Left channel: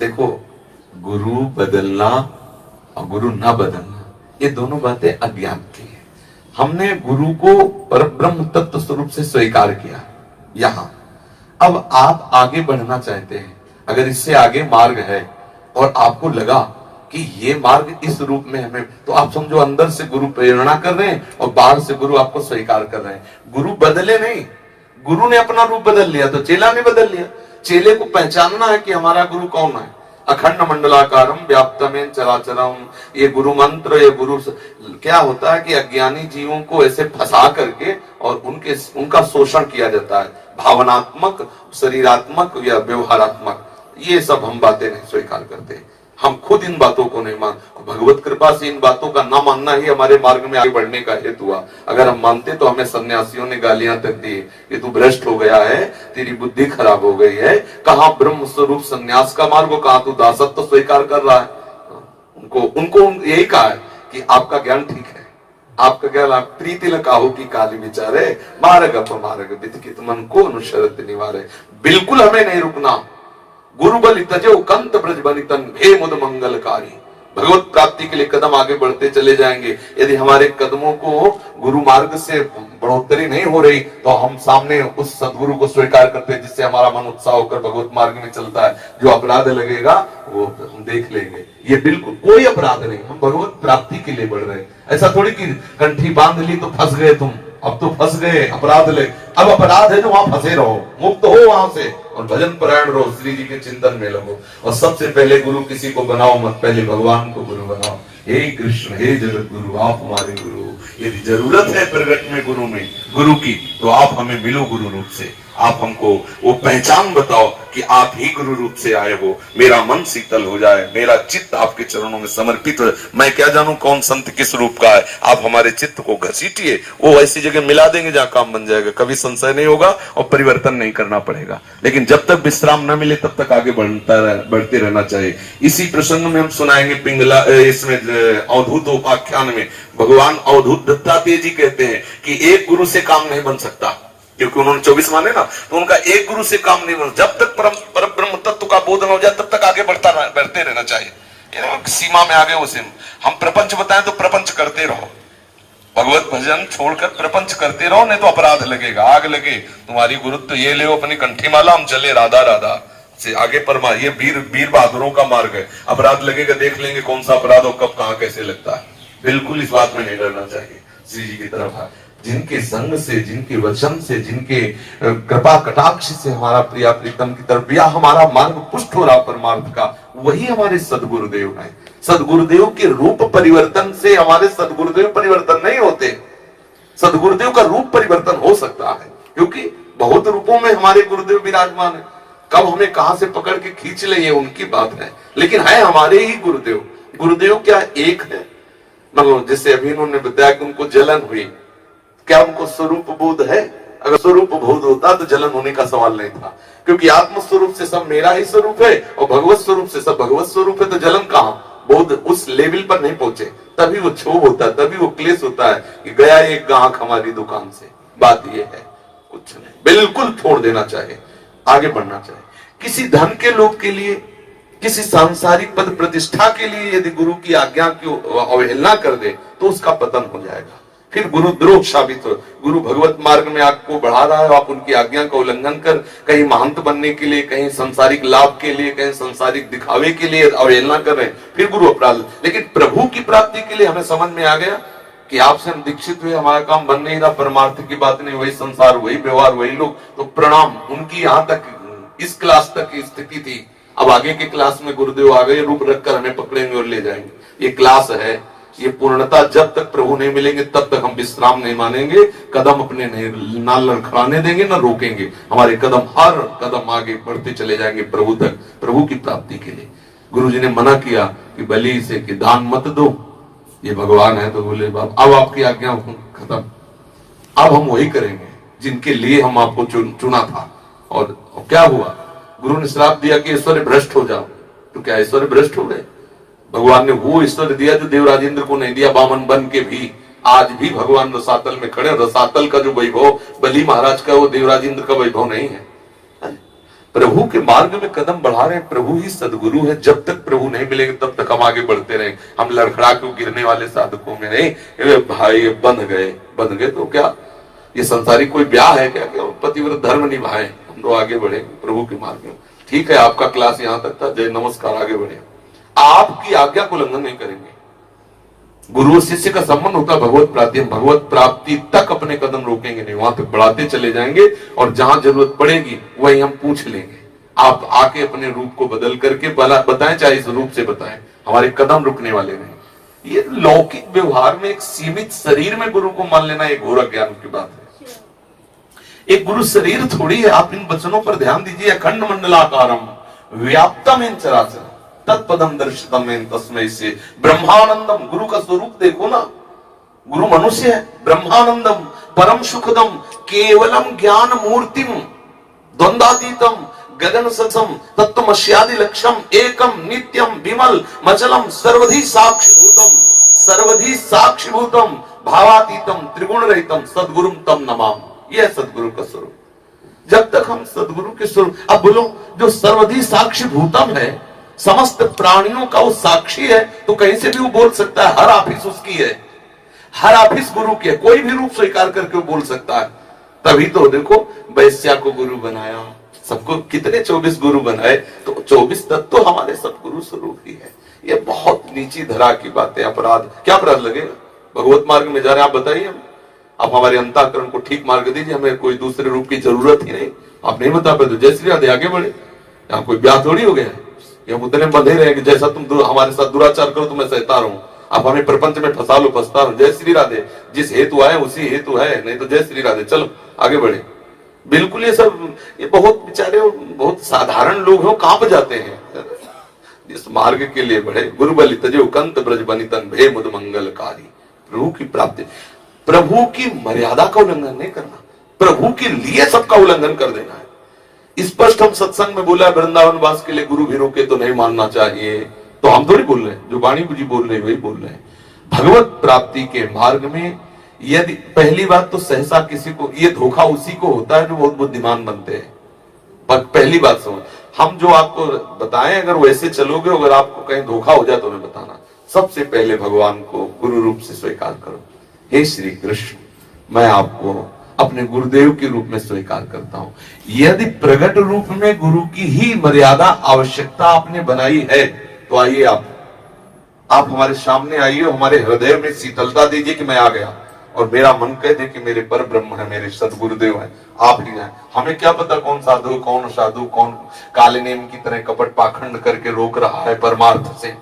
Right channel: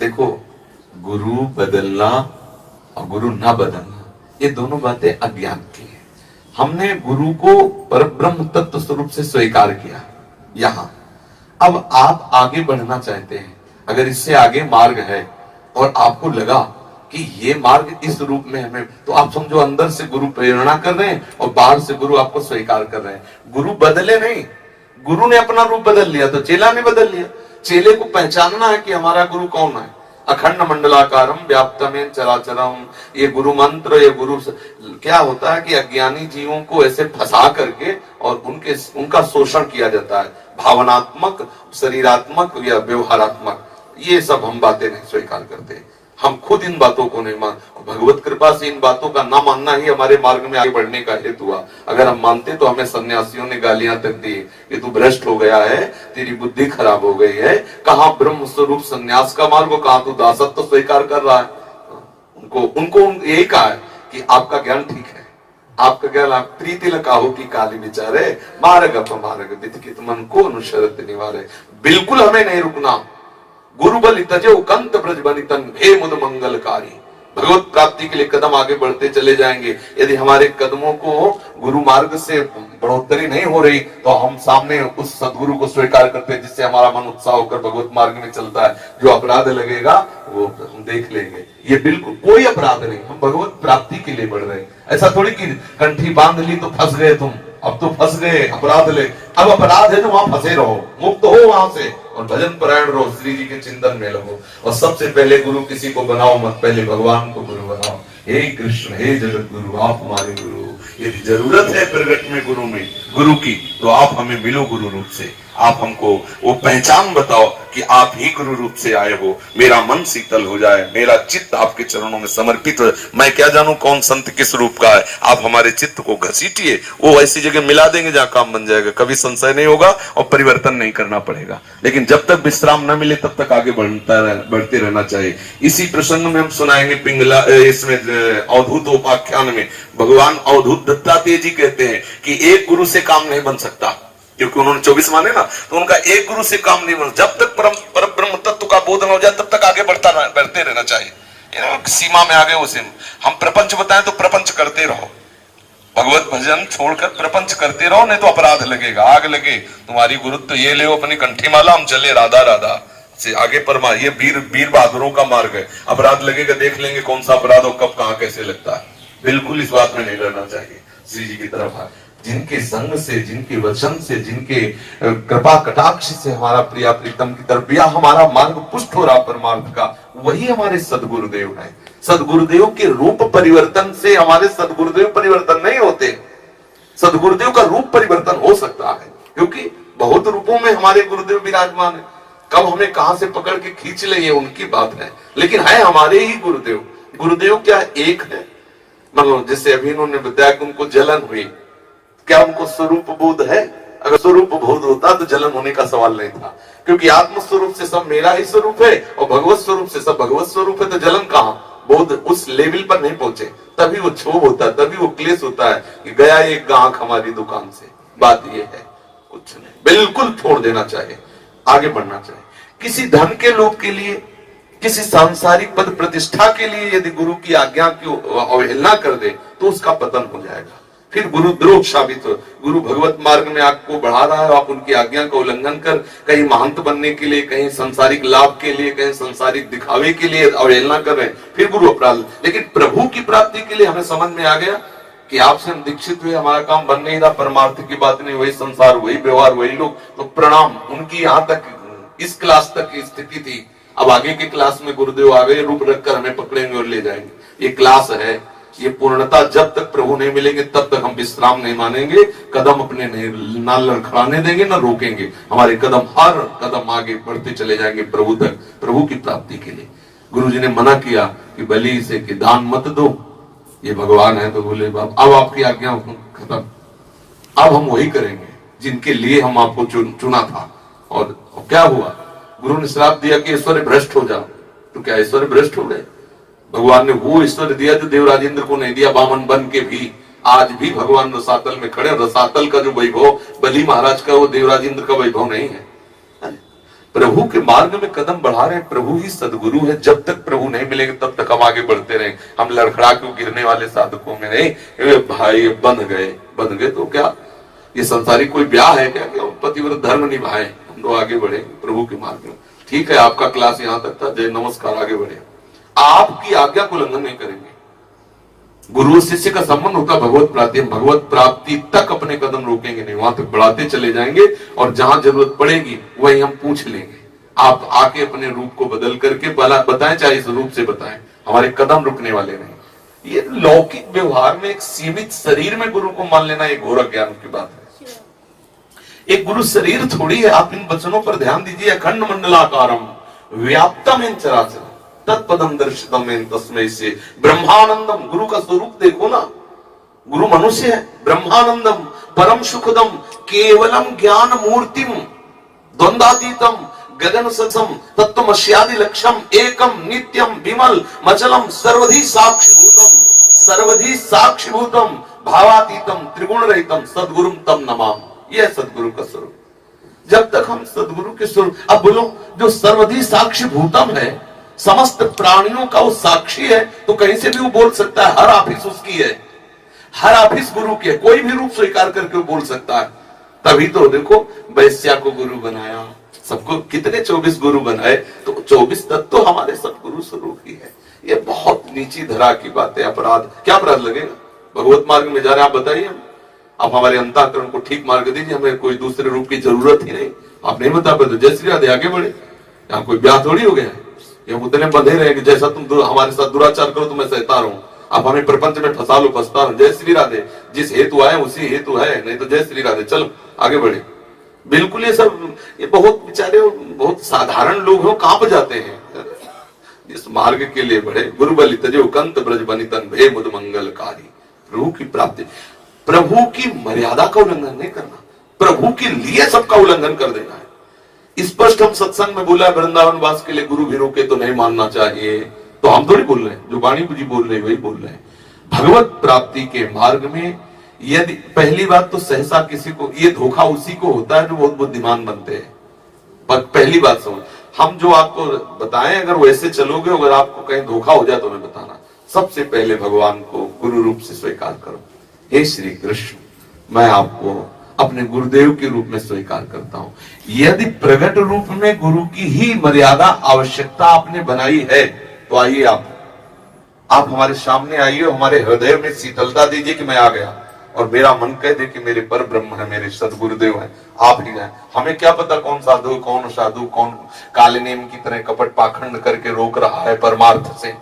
देखो, गुरु बदलना और गुरु ना बदलना, ये दोनों बातें अज्ञान की है। हमने गुरु को परब्रह्म तत्व स्वरूप से स्वीकार किया यहां। अब आप आगे बढ़ना चाहते हैं, अगर इससे आगे मार्ग है और आपको लगा कि ये मार्ग इस रूप में हमें, तो आप समझो अंदर से गुरु प्रेरणा कर रहे हैं और बाहर से गुरु आपको स्वीकार कर रहे हैं। गुरु बदले नहीं, गुरु ने अपना रूप बदल लिया तो चेला ने बदल लिया। चेले को पहचानना है कि हमारा गुरु कौन है। अखंड मंडलाकारम व्याप्तमेन चराचरम, ये गुरु मंत्र, ये गुरु क्या होता है कि अज्ञानी जीवों को ऐसे फंसा करके और उनका शोषण किया जाता है, भावनात्मक, शरीरात्मक या व्यवहारात्मक। ये सब हम बातें नहीं स्वीकार करते, हम खुद इन बातों को नहीं मान। भगवत कृपा से इन बातों का ना मानना ही हमारे मार्ग में आगे बढ़ने का हेतु हुआ। अगर हम मानते तो हमें सन्यासियों ने गालियां तक दी कि तू भ्रष्ट हो गया है, तेरी बुद्धि खराब हो गई है। कहां ब्रह्म स्वरूप सन्यास का मार्ग, कहां तू दासत्व स्वीकार कर रहा है। उनको यही कहा है कि आपका ज्ञान ठीक है, आपका ज्ञान, आप प्रीति लकाहो की काली विचारे मार्ग अपमार्ग वितकित मन को अनुसरत निवारे। बिल्कुल हमें नहीं रुकना। गुरु बलि तजो कंत ब्रज बनितन भे मुद मंगलकारी। भगवत प्राप्ति के लिए कदम आगे बढ़ते चले जाएंगे। यदि हमारे कदमों को गुरु मार्ग से बढ़ोतरी नहीं हो रही तो हम सामने उस सदगुरु को स्वीकार करते हैं जिससे हमारा मन उत्साह होकर भगवत मार्ग में चलता है। जो अपराध लगेगा वो हम देख लेंगे। ये बिल्कुल कोई अपराध नहीं, हम भगवत प्राप्ति के लिए बढ़ रहे हैं। ऐसा थोड़ी कि कंठी बांध ली तो फंस गए तुम, अब तो फंस गए, अपराध ले। अब अपराध है जो वहां फंसे रहो, मुक्त हो वहां से और भजन परायण रहो, श्री जी के चिंतन में लगो। और सबसे पहले गुरु किसी को बनाओ मत, पहले भगवान को गुरु बनाओ। हे कृष्ण, हे जगत गुरु, आप हमारे गुरु। यदि जरूरत है प्रगट में गुरु की तो आप हमें मिलो गुरु रूप से। आप हमको वो पहचान बताओ कि आप ही गुरु रूप से आए हो। मेरा मन शीतल हो जाए, मेरा चित्त आपके चरणों में समर्पित हो। मैं क्या जानूं कौन संत किस रूप का है। आप हमारे चित्त को घसीटिए, वो ऐसी जगह मिला देंगे जहां काम बन जाएगा, कभी संशय नहीं होगा और परिवर्तन नहीं करना पड़ेगा। लेकिन जब तक विश्राम न मिले तब तक आगे बढ़ते रहना चाहिए। इसी प्रसंग में हम सुनाएंगे पिंगला, इसमें अवधूत उपाख्यान में भगवान अवधूत दत्तात्रेय जी कहते हैं कि एक गुरु से काम नहीं बन सकता, क्योंकि उन्होंने 24 माने ना, तो उनका एक गुरु से काम नहीं बन। जब तक पर ब्रह्म तत्व का बोधन हो जाए तब तक आगे बढ़ते रहना चाहिए। सीमा में आगे उसे हम प्रपंच बताएं तो प्रपंच करते रहो, भगवत भजन छोड़कर प्रपंच करते रहो, नहीं तो अपराध लगेगा, आग लगे। तुम्हारी गुरुत्व ये ले अपनी कंठी माला, हम चले राधा राधा से आगे परमा। ये वीर बहादुरों का मार्ग है। अपराध लगेगा, देख लेंगे कौन सा अपराध हो, कब कहां कैसे लगता है। बिल्कुल इस बात में नहीं डरना चाहिए। श्री जी की तरफ जिनके संग से, जिनके वचन से, जिनके कृपा कटाक्ष से हमारा प्रिया प्रीतम की तरफ या हमारा मार्ग पुष्ट हो रहा परमार्थ का, वही हमारे सदगुरुदेव हैं। सदगुरुदेव के रूप परिवर्तन से हमारे सदगुरुदेव परिवर्तन नहीं होते। सदगुरुदेव का रूप परिवर्तन हो सकता है, क्योंकि बहुत रूपों में हमारे गुरुदेव विराजमान है। कब हमें कहां से पकड़ के खींच ले ये उनकी बात है, लेकिन है हमारे ही गुरुदेव। गुरुदेव क्या एक है? मतलब जिससे अभी उन्होंने बताया कि उनको जलन हुई, क्या उनको स्वरूप बोध है? अगर स्वरूप बोध होता तो जलन होने का सवाल नहीं था, क्योंकि आत्म स्वरूप से सब मेरा ही स्वरूप है और भगवत स्वरूप से सब भगवत स्वरूप है। तो जलन कहां? बोध उस लेवल पर नहीं पहुंचे, तभी वो क्षोभ होता है, तभी वो क्लेश होता है कि गया एक ग्राहक हमारी दुकान से। बात ये है, कुछ नहीं, बिल्कुल छोड़ देना चाहिए, आगे बढ़ना चाहिए। किसी धन के लोभ के लिए, किसी सांसारिक पद प्रतिष्ठा के लिए यदि गुरु की आज्ञा की अवहेलना कर दे तो उसका पतन हो जाएगा, फिर गुरुद्रोह साबित हो। गुरु भगवत मार्ग में आपको बढ़ा रहा है, आप उनकी आज्ञा का उल्लंघन कर कहीं महंत बनने के लिए, कहीं सांसारिक लाभ के लिए, कहीं सांसारिक दिखावे के लिए अवहेलना कर रहे हैं, फिर गुरु अपराध। लेकिन प्रभु की प्राप्ति के लिए हमें समझ में आ गया कि आपसे हम दीक्षित हुए, हमारा काम बन नहीं रहा, परमार्थ की बात नहीं, वही संसार, वही व्यवहार, वही लोग, तो प्रणाम। उनकी यहाँ तक इस क्लास तक की स्थिति थी। अब आगे के क्लास में गुरुदेव आ गए, रूप रखकर हमें पकड़ेंगे और ले जाएंगे। ये क्लास है, ये पूर्णता जब तक प्रभु नहीं मिलेंगे तब तक हम विश्राम नहीं मानेंगे, कदम अपने ना लड़खड़ाने देंगे, ना रोकेंगे। हमारे कदम हर कदम आगे बढ़ते चले जाएंगे प्रभु तक, प्रभु की प्राप्ति के लिए। गुरु जी ने मना किया कि बलि से कि दान मत दो, ये भगवान है। तो बोले बाप अब आपकी आज्ञा खत्म, अब हम वही करेंगे जिनके लिए हम आपको चुना था। और क्या हुआ? गुरु ने श्राप दिया कि ऐश्वर्य भ्रष्ट हो जाओ। तो क्या ऐश्वर्य भ्रष्ट हो गए? भगवान ने वो ऐश्वर्य दिया जो देवराजेंद्र को नहीं दिया, बामन बन के भी। आज भी भगवान रसातल में खड़े। रसातल का जो वैभव बलि महाराज का, वो देवराजेंद्र का वैभव नहीं है। प्रभु के मार्ग में कदम बढ़ा रहे हैं, प्रभु ही सदगुरु है। जब तक प्रभु नहीं मिलेंगे तब तक हम आगे बढ़ते रहे। हम लड़खड़ा क्यों गिरने वाले साधकों में नहीं। अरे भाई बन गए तो क्या ये संसारिक कोई ब्याह है क्या, पतिव्रत धर्म निभाए, हम लोग आगे बढ़े प्रभु के मार्ग में। ठीक है, आपका क्लास यहां तक था, जय नमस्कार, आगे बढ़े। आपकी आज्ञा को उल्लंघन नहीं करेंगे। गुरु शिष्य का संबंध होता है भगवत प्राप्ति, भगवत प्राप्ति तक अपने कदम रोकेंगे नहीं, वहां तक बढ़ाते चले जाएंगे और जहां जरूरत पड़ेगी वही हम पूछ लेंगे। आप आके अपने रूप को बदल करके बताएं, चाहे इस रूप से बताएं, हमारे कदम रुकने वाले नहीं। ये लौकिक व्यवहार में एक सीमित शरीर में गुरु को मान लेना एक घोर अज्ञान की बात है। एक गुरु शरीर थोड़ी है। आप इन वचनों पर ध्यान दीजिए। अखंड मंडलाकारम व्याप्तम इन चराचर तत्पदम दर्शितम इन तस्मै से ब्रह्मानंदम। गुरु का स्वरूप देखो ना, गुरु मनुष्य है। ब्रह्मानंदम परम सुखदम केवलम ज्ञान मूर्तिम द्वंद्वातीतम गगन सत्सम तत्वमस्यादि लक्ष्यम एकम नित्यम विमल मचलम सर्वधि साक्षिभूतम भावातीतम त्रिगुण रहितम सदगुरुम तम नमाम। यह सदगुरु का स्वरूप। जब तक हम सदगुरु के स्वरूप, अब बोलो, जो सर्वधि साक्षिभूतम है, समस्त प्राणियों का वो साक्षी है, तो कहीं से भी वो बोल सकता है। हर ऑफिस उसकी है, हर ऑफिस गुरु की है, कोई भी रूप स्वीकार करके वो बोल सकता है। तभी तो देखो वैश्या को गुरु बनाया, सबको कितने 24 गुरु बनाए, तो 24 तत्व तो हमारे सदगुरु स्वरूप ही है। ये बहुत नीची धरा की बात है। अपराध, क्या अपराध लगेगा? भगवत मार्ग में जा रहे आप बताइए, आप हमारे अंतःकरण को ठीक मार्ग दीजिए, हमें कोई दूसरे रूप की जरूरत ही नहीं। आप नहीं बता पाते, जय श्री राधे, आगे बढ़े। यहाँ कोई ब्याह थोड़ी हो गया, ये उतने बंधे रहे कि जैसा तुम हमारे साथ दुराचार करो तो मैं सहता रहूं, आप हमें प्रपंच में फंसा लो, फंसता रहो। जय श्री राधे, जिस हेतु आए उसी हेतु है, नहीं तो जय श्री राधे, चलो आगे बढ़े। बिल्कुल ये सब, ये बहुत बेचारे बहुत साधारण लोग हो, कांप जाते हैं इस मार्ग के लिए बढ़े। गुरु बलि तजो कंत ब्रज बनितन भे मुद मंगलकारी। प्रभु की प्राप्ति, प्रभु की मर्यादा का उल्लंघन नहीं करना, प्रभु के लिए सबका उल्लंघन कर देना है। स्पष्ट हम सत्संग में बोला, वृंदावन वास के लिए गुरु भी रोके तो नहीं मानना चाहिए, तो हम थोड़ी बोल रहे हैं, जो वाणी जी बोल रहे हैं वही बोल रहे हैं। भगवत प्राप्ति के मार्ग में यदि, पहली बात तो सहसा किसी को, ये धोखा उसी को होता है जो बहुत बुद्धिमान बनते हैं। पर पहली बात समझ, हम जो आपको बताएं अगर वैसे चलोगे, अगर आपको कहीं धोखा हो जाए तो हमें बताना। सबसे पहले भगवान को गुरु रूप से स्वीकार करो। हे श्री कृष्ण, मैं आपको अपने गुरुदेव के रूप में स्वीकार करता हूं। यदि प्रगट रूप में गुरु की ही मर्यादा आवश्यकता आपने बनाई है, तो आइए आप हमारे सामने आइए, हमारे हृदय में शीतलता दीजिए कि मैं आ गया, और मेरा मन कह दे कि मेरे पर ब्रह्म है, मेरे सदगुरुदेव है, आप ही हैं। हमें क्या पता कौन साधु, कौन साधु, कौन काले नेम की तरह कपट पाखंड करके रोक रहा है, परमार्थ से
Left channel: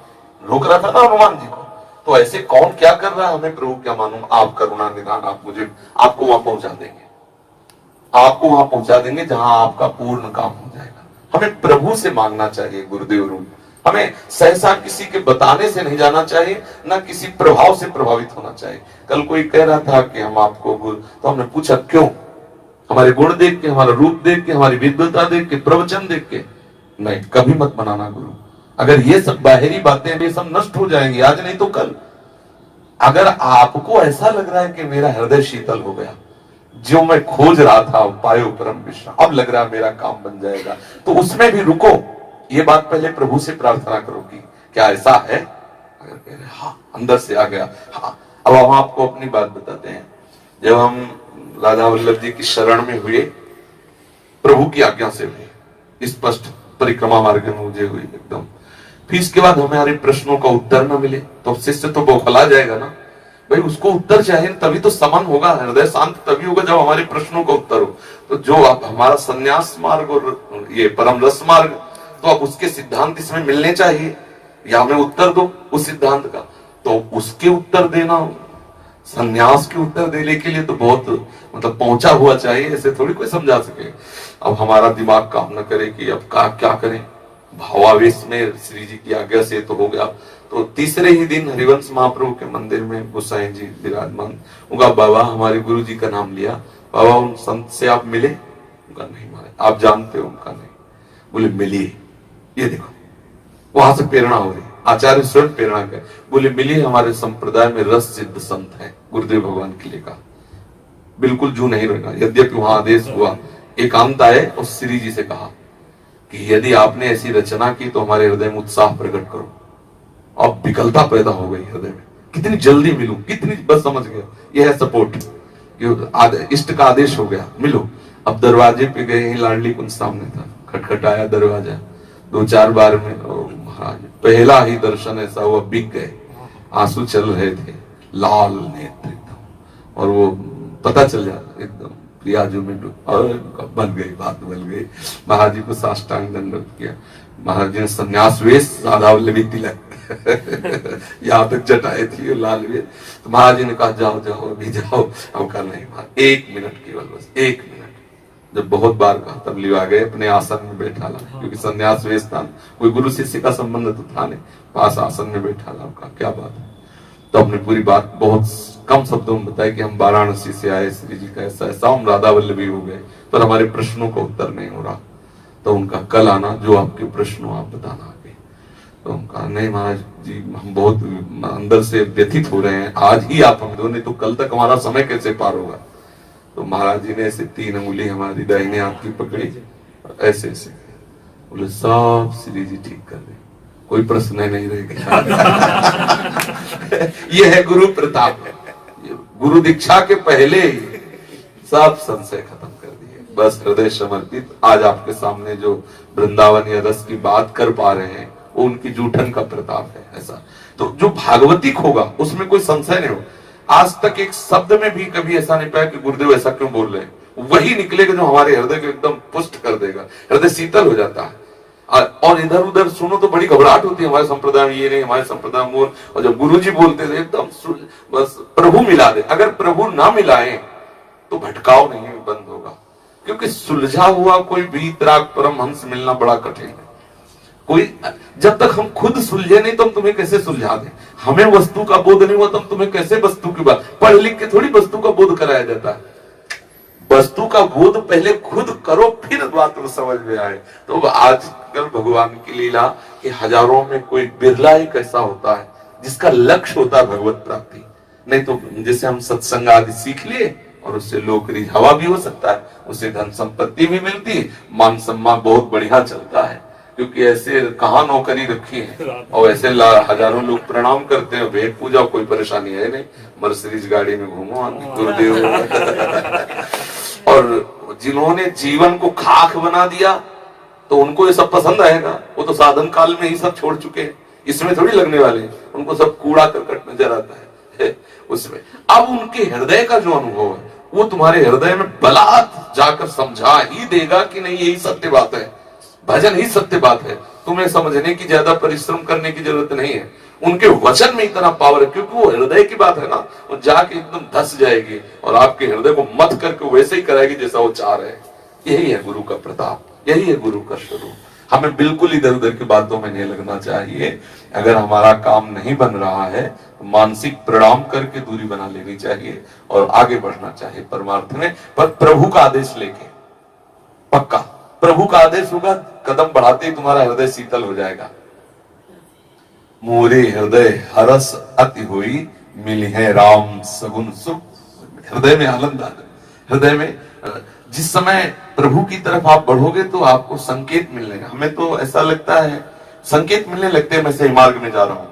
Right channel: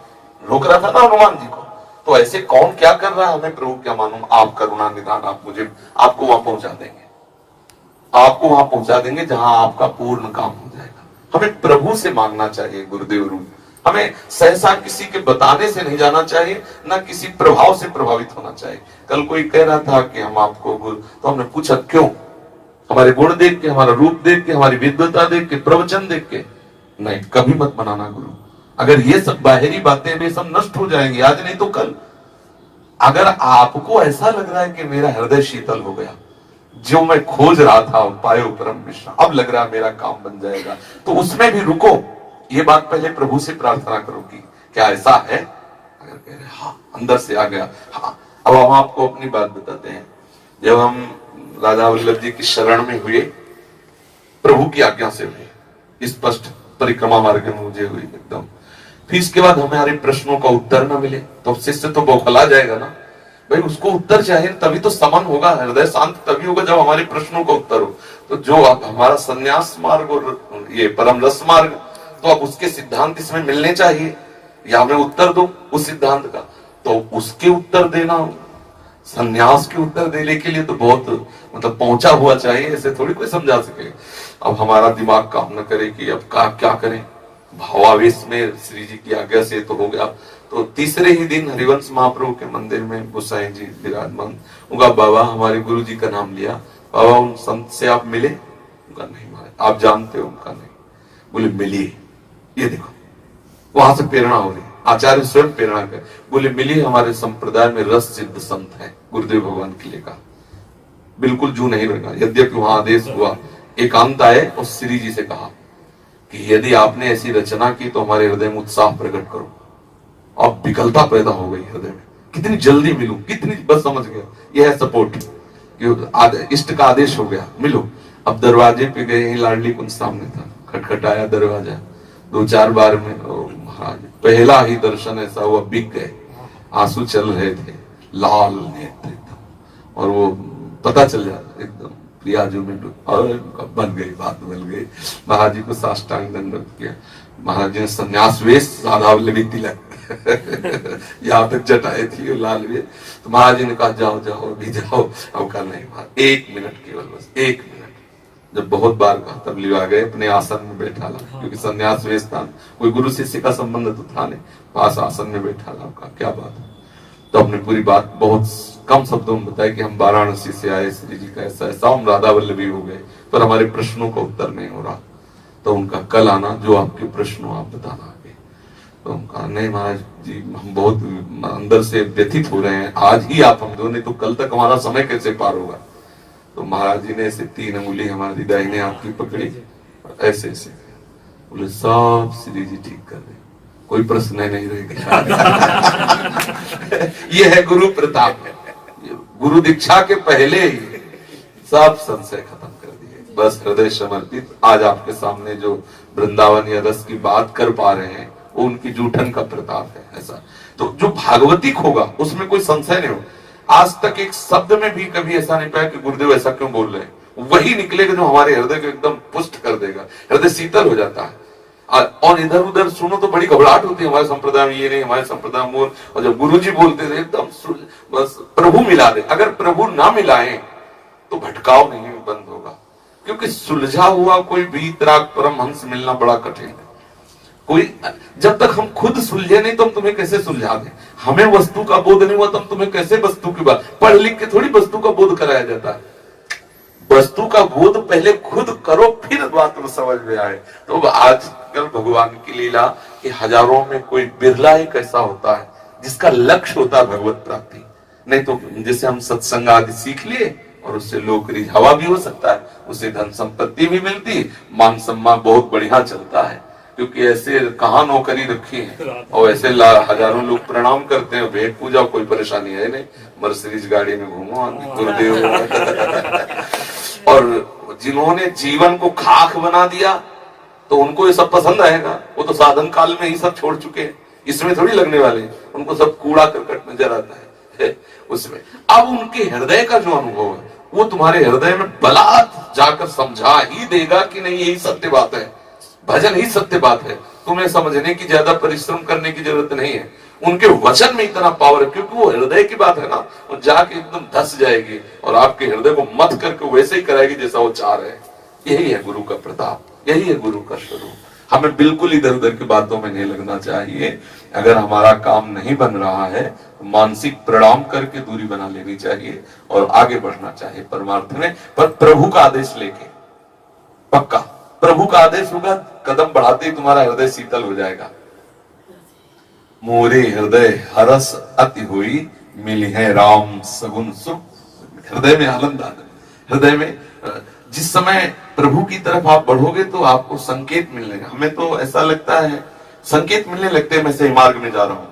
रोक रहा था ना हनुमान जी को। तो ऐसे कौन क्या कर रहा है, हमें प्रभु क्या मालूम। आप करुणा निदान, आप मुझे, आपको वहां पहुंचा देंगे, आपको वहां पहुंचा देंगे जहां आपका पूर्ण काम हो जाएगा। हमें प्रभु से मांगना चाहिए गुरुदेव रूप। हमें सहसा किसी के बताने से नहीं जाना चाहिए, ना किसी प्रभाव से प्रभावित होना चाहिए। कल कोई कह रहा था कि हम आपको गुरु, तो हमने पूछा क्यों? हमारे गुण देख के, हमारा रूप देख के, हमारी विद्वता देख के, प्रवचन देख के? नहीं, कभी मत बनाना गुरु। अगर ये सब बाहरी बातें ये सब नष्ट हो जाएंगी, आज नहीं तो कल। अगर आपको ऐसा लग रहा है कि मेरा हृदय शीतल हो गया, जो मैं खोज रहा था पायो परम विश्राम, अब लग रहा है मेरा काम बन जाएगा, तो उसमें भी रुको। ये बात पहले प्रभु से प्रार्थना करो कि क्या ऐसा है? अगर कह रहे हाँ, अंदर से आ गया, हाँ। अब हम आपको अपनी बात बताते हैं। जब हम राधा वल्लभ जी की शरण में हुए, प्रभु की आज्ञा से हुए, स्पष्ट परिक्रमा मार्ग में मुझे हुई एकदम। फिर इसके बाद हमारे प्रश्नों का उत्तर न मिले तो शिष्य तो बौखला जाएगा ना भाई, उसको उत्तर चाहिए, तभी तो समन होगा, हृदय शांत तभी होगा जब हमारे प्रश्नों का उत्तर हो। तो जो अब हमारा संन्यास मार्ग और ये परम रस मार्ग, तो अब उसके सिद्धांत इसमें मिलने चाहिए, या हमें उत्तर दो उस सिद्धांत का, तो उसके उत्तर देना, संन्यास के उत्तर देने के लिए तो बहुत मतलब पहुंचा हुआ चाहिए, ऐसे थोड़ी कोई समझा सके। अब हमारा दिमाग काम न करे कि अब क्या करें, भावावेश में श्री जी की आज्ञा से तो हो गया। तो तीसरे ही दिन हरिवंश महाप्रभु के मंदिर में गोसाई जी विराजमान, उनका बाबा हमारे गुरु जी का नाम लिया, बाबा उन संत से आप मिले? उनका नहीं मारे, आप जानते हो? उनका नहीं। बोले मिलिए, ये देखो वहां से प्रेरणा हो रही, आचार्य स्वयं प्रेरणा कर, बोले मिलिए, हमारे संप्रदाय में रस सिद्ध संत है, गुरुदेव भगवान के लिए कहा, बिल्कुल जू नहीं रहेगा। यद्यपि वहां आदेश हुआ, एकांत आए और श्री जी से कहा, कि यदि आपने ऐसी रचना की तो हमारे हृदय में उत्साह प्रकट करो। अब विकलता पैदा हो गई हृदय में, कितनी जल्दी मिलूं, कितनी, बस समझ गए, यह है सपोर्ट। इष्ट का आदेश हो गया, मिलो। अब दरवाजे पे गए, लाडली कुंज सामने था, खटखटाया दरवाजा, 2-4 बार में महाराज पहला ही दर्शन ऐसा हुआ, बिक गए, आंसू चल रहे थे, लाल नेत्र एकदम, और वो पता चल जाता एकदम प्रियाजू में, और बन गई, बात बन गई। महाराज जी को साष्टांग दंडवत किया, महाराज जी ने संन्यास वेश, राधा वल्लभी तिलक यहाँ तक जटाए थी लाल वे, तो महाराज जी ने कहा जाओ जाओ अभी जाओ। हम कहा नहीं, 1 मिनट केवल, बस 1 मिनट। जब बहुत बार कहा तब लिवा गए, अपने आसन में बैठा ला, क्योंकि संन्यास वेश था, कोई गुरु शिष्य का संबंध तो था नहीं, पास आसन में बैठा ला। कहा क्या बात है? तो अपने पूरी बात बहुत कम शब्दों में बताया कि हम वाराणसी से आए, श्री जी का ऐसा ऐसा, हम राधा वल्लभी हो गए, पर हमारे प्रश्नों का उत्तर नहीं हो रहा। तो उनका कल आना, जो आपके प्रश्न हो आप बताना आगे। तो हम कहा नहीं महाराज जी, हम बहुत अंदर से व्यथित हो रहे हैं, आज ही आप हम दो, नहीं तो कल तक हमारा समय कैसे पार होगा। तो महाराज जी ने ऐसे 3 उंगली हमारी दाहिने हाथ की पकड़ी, ऐसे ऐसे बोले सब श्री जी ठीक कर दे, कोई प्रश्न नहीं रहेगा। ये है गुरु प्रताप। गुरु दीक्षा के पहले ही सब संशय खत्म कर दिए, बस हृदय समर्पित। आज आपके सामने जो वृंदावन या रस की बात कर पा रहे हैं, वो उनकी जूठन का प्रताप है। ऐसा तो जो भागवतिक होगा उसमें कोई संशय नहीं हो। आज तक एक शब्द में भी कभी ऐसा नहीं पाया कि गुरुदेव ऐसा क्यों बोल रहे हैं। वही निकलेगा जो हमारे हृदय को एकदम पुष्ट कर देगा, हृदय शीतल हो जाता है। और इधर उधर सुनो तो बड़ी घबराहट होती है, हमारे संप्रदाय में ये नहीं, हमारे संप्रदाय में वो। और जब गुरु जी बोलते थे एकदम बस प्रभु मिला दे। अगर प्रभु ना मिलाए तो भटकाव नहीं बंद होगा, क्योंकि सुलझा हुआ कोई वीतराग परमहंस मिलना बड़ा कठिन है। कोई जब तक हम खुद सुलझे नहीं तो हम तुम्हें कैसे सुलझा दें। हमें वस्तु का बोध नहीं हुआ तो हम तुम्हें कैसे वस्तु की बात, पढ़ लिख के थोड़ी वस्तु का बोध कराया जाता है। वस्तु का बोध पहले खुद करो, फिर बात में समझ में आए। तो आजकल भगवान की लीला कि हजारों में कोई बिरला एक ऐसा होता है जिसका लक्ष्य होता है भगवत प्राप्ति। नहीं तो जैसे हम सत्संग आदि सीख लिए और उससे लोक रिझावा भी हो सकता है, उससे धन संपत्ति भी मिलती, मान सम्मान बहुत बढ़िया चलता है, क्योंकि ऐसे कहाँ नौकरी रखी है और ऐसे हजारों लोग प्रणाम करते हैं, भेंट पूजा, कोई परेशानी है नहीं, मर्सिडीज गाड़ी में घूमो गुरुदेव। और जिन्होंने जीवन को खाक बना दिया तो उनको ये सब पसंद आएगा, वो तो साधन काल में ही सब छोड़ चुके हैं, इसमें थोड़ी लगने वाले हैं, उनको सब कूड़ा करकट नजर आता है उसमें। अब उनके हृदय का जो अनुभव है वो तुम्हारे हृदय में बलात् जाकर समझा ही देगा कि नहीं यही सत्य बात है, भजन ही सत्य बात है। तुम्हें समझने की ज्यादा परिश्रम करने की जरूरत नहीं है, उनके वचन में इतना पावर है, क्योंकि वो हृदय की बात है ना, वो जाके एकदम धस जाएगी और आपके हृदय को मत करके वैसे ही कराएगी जैसा वो चाह रहे हैं। यही है गुरु का प्रताप, यही है गुरु का स्वरूप। हमें बिल्कुल इधर उधर की बातों में नहीं लगना चाहिए। अगर हमारा काम नहीं बन रहा है तो मानसिक प्रणाम करके दूरी बना लेनी चाहिए और आगे बढ़ना चाहिए परमार्थ में, पर प्रभु का आदेश लेके। पक्का प्रभु का आदेश होगा, कदम बढ़ाते ही तुम्हारा हृदय शीतल हो जाएगा। मोरे हृदय हरस अति हुई, मिली है राम सगुन सुख। हृदय में आनंद आ जाए। हृदय में जिस समय प्रभु की तरफ आप बढ़ोगे तो आपको संकेत मिलने, हमें तो ऐसा लगता है संकेत मिलने लगते हैं मैं सही मार्ग में जा रहा हूं,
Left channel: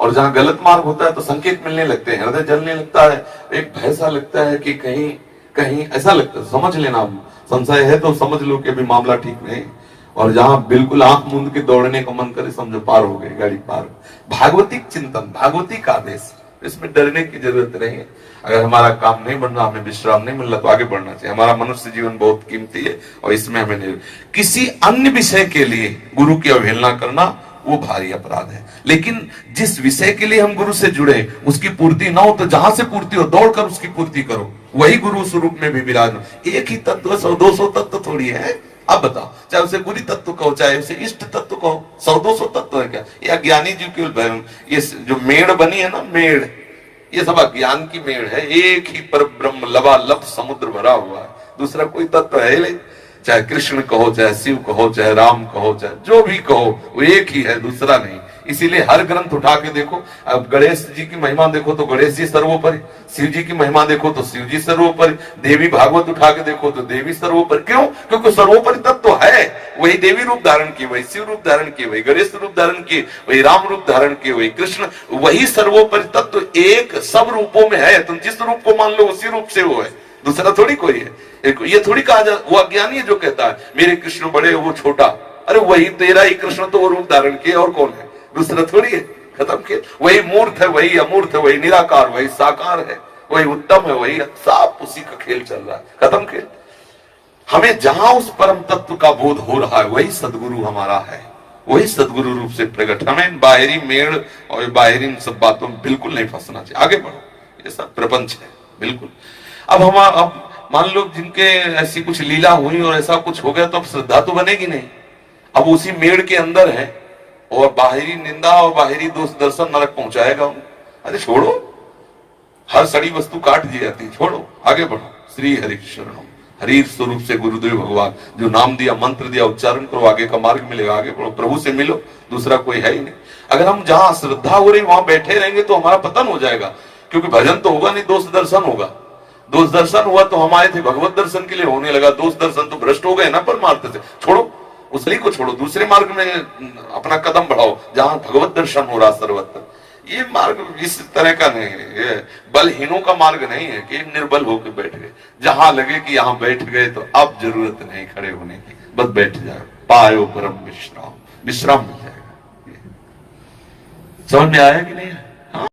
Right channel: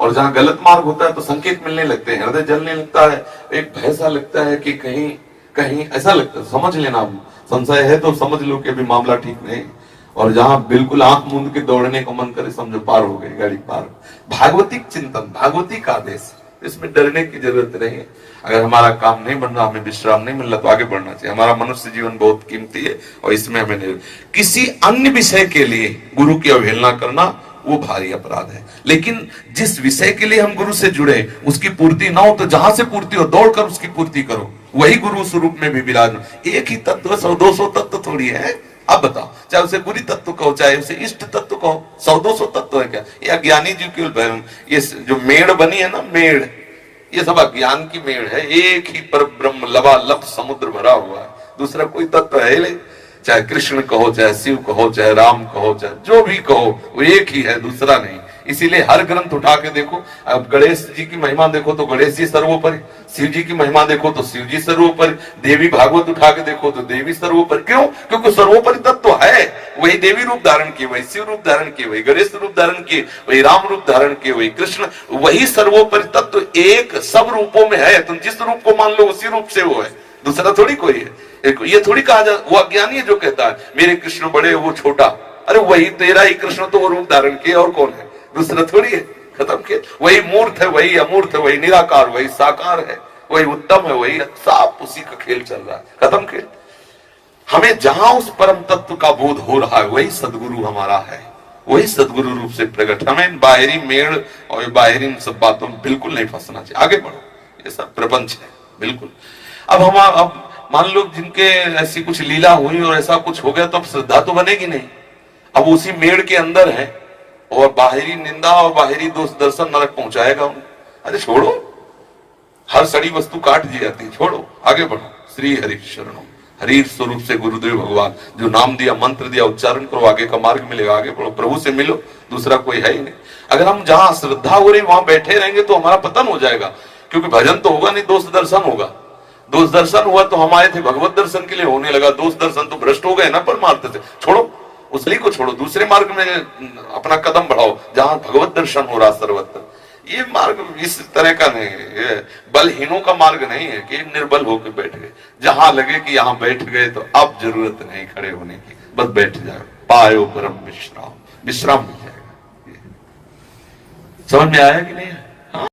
और जहां गलत मार्ग होता है तो संकेत मिलने लगते हैं, हृदय जलने लगता है, एक भय सा लगता है कि कहीं कहीं ऐसा लगता है। समझ लेना, संशय है तो समझ लो कि अभी मामला ठीक नहीं। और जहां बिल्कुल आंख मूंद के दौड़ने का मन करे समझो पार हो गई गाड़ी पार। भागवतिक चिंतन, भागवतिक आदेश, इसमें डरने की जरूरत नहीं है। अगर हमारा काम नहीं बन रहा, हमें विश्राम नहीं मिल रहा तो आगे बढ़ना चाहिए। हमारा मनुष्य जीवन बहुत कीमती है और इसमें हमें नहीं, किसी अन्य विषय के लिए गुरु की अवहेलना करना वो भारी अपराध है। लेकिन जिस विषय के लिए हम गुरु से जुड़े उसकी पूर्ति ना हो तो जहां से पूर्ति हो दौड़कर उसकी पूर्ति करो, वही गुरु स्वरूप में भी विराज। एक ही तत्व 100-200 तत्व थोड़ी है। अब बताओ, चाहे उसे गुरु तत्व कहो चाहे उसे इष्ट तत्व कहो, 100-200 तत्व है क्या? ये अज्ञानी जी की ये जो मेड़ बनी है ना, मेड़, ये सब अज्ञान की मेड़ है। एक ही पर ब्रह्म लबालब समुद्र भरा हुआ है, दूसरा कोई तत्व है नहीं। चाहे कृष्ण कहो, चाहे शिव कहो, चाहे राम कहो, चाहे जो भी कहो, वो एक ही है, दूसरा नहीं। इसीलिए हर ग्रंथ उठा के देखो, अब गणेश जी की महिमा देखो तो गणेश जी सर्वोपरि, शिव जी की महिमा देखो तो शिव जी सर्वोपरि, देवी भागवत उठा के देखो तो देवी सर्वोपरि। क्यों? क्योंकि सर्वोपरि तत्व तो है, वही देवी रूप धारण किए, वही शिव रूप धारण किए, वही गणेश रूप धारण किए, वही राम रूप धारण किए, वही कृष्ण, वही सर्वोपरि तत्व तो एक सब रूपों में है। तुम जिस रूप को मान लो उसी रूप से वो है, दूसरा थोड़ी कोई है। ये थोड़ी कहा जाए, वो अज्ञानी है जो कहता है मेरे कृष्ण बड़े वो छोटा, अरे वही तेरा ही कृष्ण तो वो रूप धारण किए, और कौन है, दूसरा थोड़ी है। खत्म के वही मूर्त है, वही अमूर्त है, वही निराकार, वही साकार है, वही उत्तम है, वही सब उसी का खेल चल रहा है। खत्म खेल। हमें जहां उस परम तत्व का बोध हो रहा है वही सदगुरु हमारा है, वही सदगुरु रूप से प्रकट। हमें बाहरी मेड़ और बाहरी इन सब बातों में बिल्कुल नहीं फंसना चाहिए। आगे बढ़ो, ये सब प्रपंच है बिल्कुल। अब मान लो जिनके ऐसी कुछ लीला हुई और ऐसा कुछ हो गया तो अब श्रद्धा तो बनेगी नहीं। अब उसी मेड़ के अंदर है और बाहरी निंदा और बाहरी दोष दर्शन नरक पहुंचाएगा। अरे छोड़ो, हर सड़ी वस्तु काट दी जाती, छोड़ो, आगे बढ़ो। श्री हरि शरणम, हरि स्वरूप से गुरुदेव भगवान जो नाम दिया, मंत्र दिया, उच्चारण करो, आगे का मार्ग मिलेगा। आगे बढ़ो, प्रभु से मिलो, दूसरा कोई है ही नहीं। अगर हम जहां श्रद्धा हो रही वहां बैठे रहेंगे तो हमारा पतन हो जाएगा, क्योंकि भजन तो होगा नहीं, दोष दर्शन होगा। दोष दर्शन हुआ तो हमारे थे भगवत दर्शन के लिए होने लगा, दोष दर्शन तो भ्रष्ट हो गए ना परमार्थ से। छोड़ो, उसली को छोड़ो, दूसरे मार्ग में अपना कदम बढ़ाओ जहां भगवत दर्शन हो रहा सर्वत्र। ये मार्ग इस तरह का नहीं है, बलहीनों का मार्ग नहीं है कि निर्बल होकर बैठ गए। जहां लगे कि यहां बैठ गए तो अब जरूरत नहीं खड़े होने की, बस बैठ जाओ, पायो परम विश्राम, विश्राम मिल जाएगा। समझ में आया कि नहीं?